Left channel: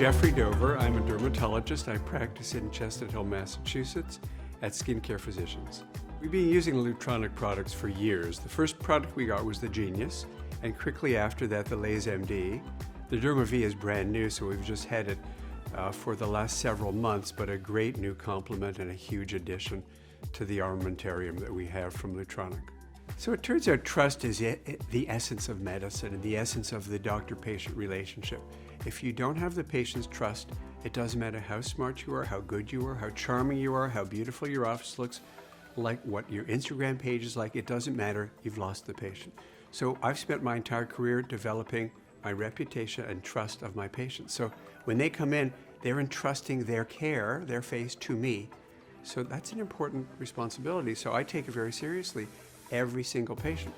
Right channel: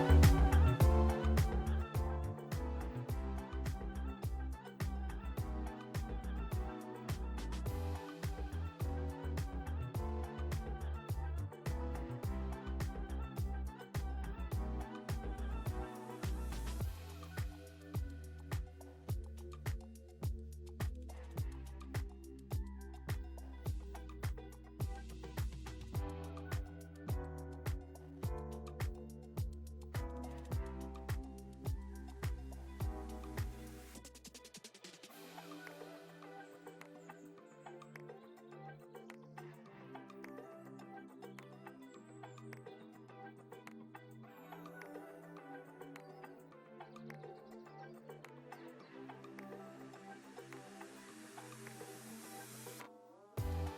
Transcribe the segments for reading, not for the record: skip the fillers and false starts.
Jeffrey Dover. I'm a dermatologist. I practice in Chestnut Hill, Massachusetts at SkinCare Physicians. We've been using Lutronic products for years. The first product we got was the Genius, and quickly after that, the Lays MD. The Derma V is brand new, so we've just had it for the last several months, but a great new complement and a huge addition to the armamentarium that we have from Lutronic. So it turns out trust is the essence of medicine and the essence of the doctor-patient relationship. If you don't have the patient's trust, it doesn't matter how smart you are, how good you are, how charming you are, how beautiful your office looks, like what your Instagram page is like, it doesn't matter, you've lost the patient. So I've spent my entire career developing my reputation and trust of my patients. So when they come in, they're entrusting their care, their face, to me. So that's an important responsibility. So I take it very seriously, every single patient.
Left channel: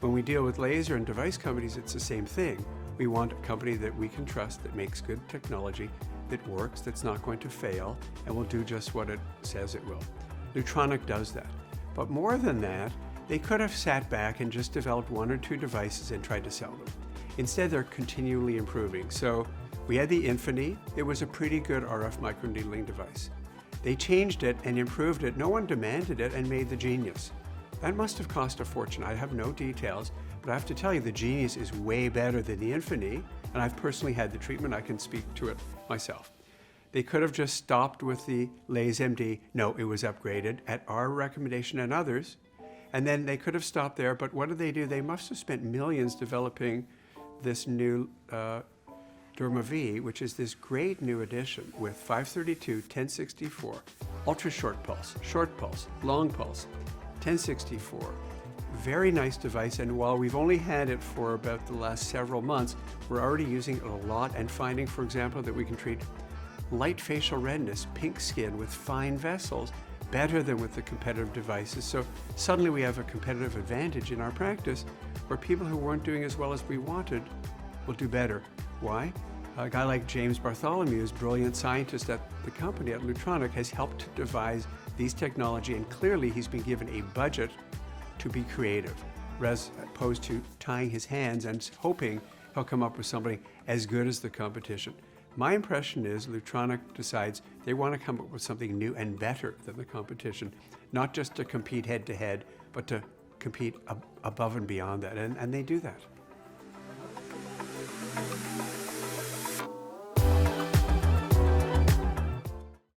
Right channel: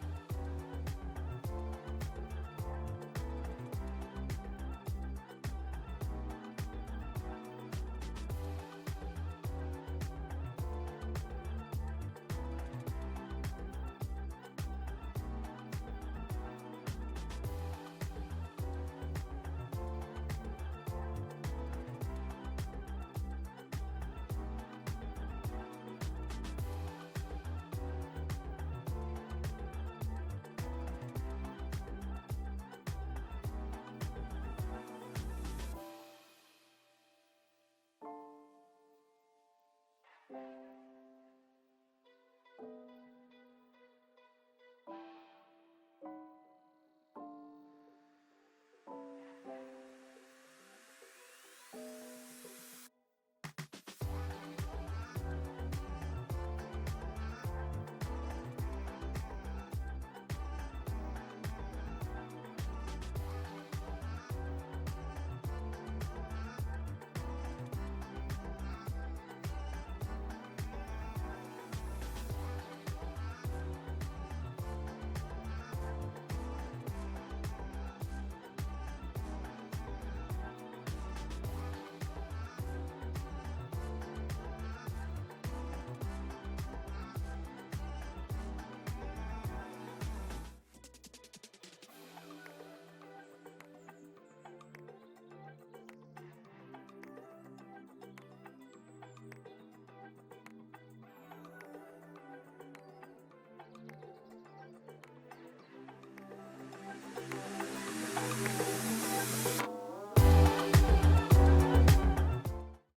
When we deal with laser and device companies, it's the same thing. We want a company that we can trust, that makes good technology, that works, that's not going to fail, and will do just what it says it will. Lutronic does that. But more than that, they could have sat back and just developed one or two devices and tried to sell them. Instead, they're continually improving. So we had the Infinity. It was a pretty good RF microneedling device. They changed it and improved it. No one demanded it and made the Genius. That must have cost a fortune. I have no details, but I have to tell you the Genius is way better than the Infinity, and I've personally had the treatment. I can speak to it myself. They could have just stopped with the Lays MD. No, it was upgraded at our recommendation and others, and then they could have stopped there, but what did they do? They must have spent millions developing this new Derma V, which is this great new addition with 532, 1064, ultra short pulse, long pulse, 1064. Very nice device, and while we've only had it for about the last several months, we're already using it a lot and finding, for example, that we can treat light facial redness, pink skin with fine vessels better than with the competitive devices. So suddenly we have a competitive advantage in our practice where people who weren't doing as well as we wanted will do better. Why? A guy like James Bartholomew, a brilliant scientist at the company at Lutronic, has helped to devise these technology, and clearly he's been given a budget to be creative, as opposed to tying his hands and hoping he'll come up with something as good as the competition. My impression is Lutronic decides they want to come up with something new and better than the competition, not just to compete head to head, but to compete above and beyond that, and they do that.